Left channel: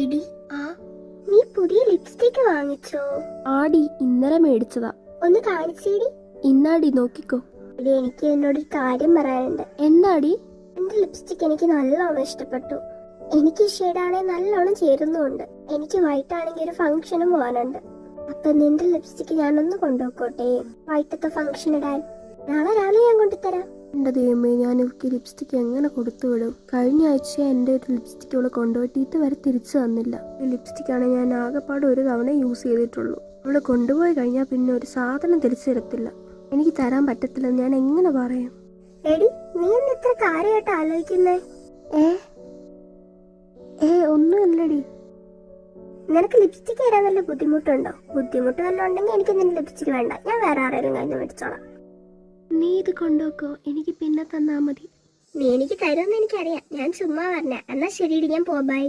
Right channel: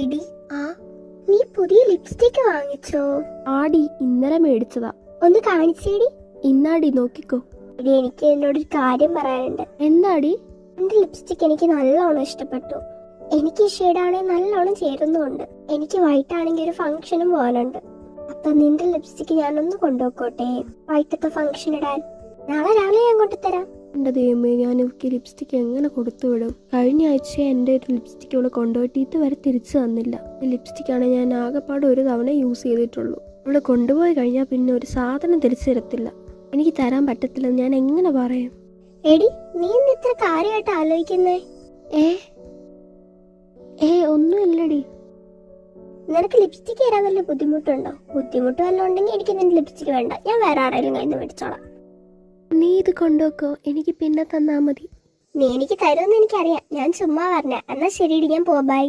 എടി, ആ നീ പുതിയ ലിപ്സ്റ്റിക് വാങ്ങിച്ചോ? ആടി, ഇന്നലെ മേടിച്ചതാ. ഒന്ന് കാണിച്ചേടി. ഇന്നാടി, നോക്കിക്കോ. എടി, എനിക്ക് എന്നോടൊരു കാര്യം പറയാനുണ്ട്. എന്താടി? എന്റെ ലിപ്സ്റ്റിക് എനിക്ക് നല്ലോണം ഇഷ്ടപ്പെട്ടു. എനിക്ക് ഈ ഷെയ്ഡാണെങ്കിൽ നല്ലോണം ചേരുന്നുണ്ട്. എനിക്ക് വൈറ്റ് ആണെങ്കിൽ ഒരു ഫംഗ്ഷനും പോകാനുണ്ട്. അപ്പൊ നിന്റെ ലിപ്സ്റ്റിക് ഞാനൊന്ന് കൊണ്ടുപോക്കോട്ടെ, വൈറ്റത്തെ ഫംഗ്ഷൻ ഇടാൻ? നാളെ രാവിലെ ഞാൻ കൊണ്ടുതരാം. എന്റെ ദൈവമേ, ഞാൻ ഇവർക്ക് ലിപ്സ്റ്റിക് എങ്ങനെ കൊടുത്തുവിടും? കഴിഞ്ഞ ആഴ്ച എൻ്റെ ഒരു ലിപ്സ്റ്റിക് അവള് കൊണ്ടുപോയിട്ട് ഇതുവരെ തിരിച്ചു തന്നില്ല. ഈ ലിപ്സ്റ്റിക്കാണ് ഞാൻ ആകെപ്പാട് ഒരു തവണ യൂസ് ചെയ്തിട്ടുള്ളൂ. അവള് കൊണ്ടുപോയി കഴിഞ്ഞാൽ പിന്നെ ഒരു സാധനം തിരിച്ചു തരത്തില്ല. എനിക്ക് തരാൻ പറ്റത്തില്ലെന്ന് ഞാൻ എങ്ങനെ പറയും? എടി, നീ എന്ത് ഇത്ര കാര്യമായിട്ട് ആലോചിക്കുന്നേ? ഒന്നുമില്ലടി. നിനക്ക് ലിപ്സ്റ്റിക് ഇടാൻ വല്ല ബുദ്ധിമുട്ടുണ്ടോ? ബുദ്ധിമുട്ട് വല്ലതും ഉണ്ടെങ്കിൽ എനിക്ക് നിന്റെ ലിപ്സ്റ്റിക് വേണ്ട, ഞാൻ വേറെ ആരെങ്കിലും കയ്യിൽ നിന്ന് മേടിച്ചോളാം. നീ ഇത് കൊണ്ടുവെക്കോ, എനിക്ക് പിന്നെ തന്നാ മതി. നീ എനിക്ക് തരുമെന്ന് എനിക്കറിയാം, ഞാൻ ചുമ്മാ പറഞ്ഞ. എന്നാ ശരിയടി, ഞാൻ പോവാ. ബൈ.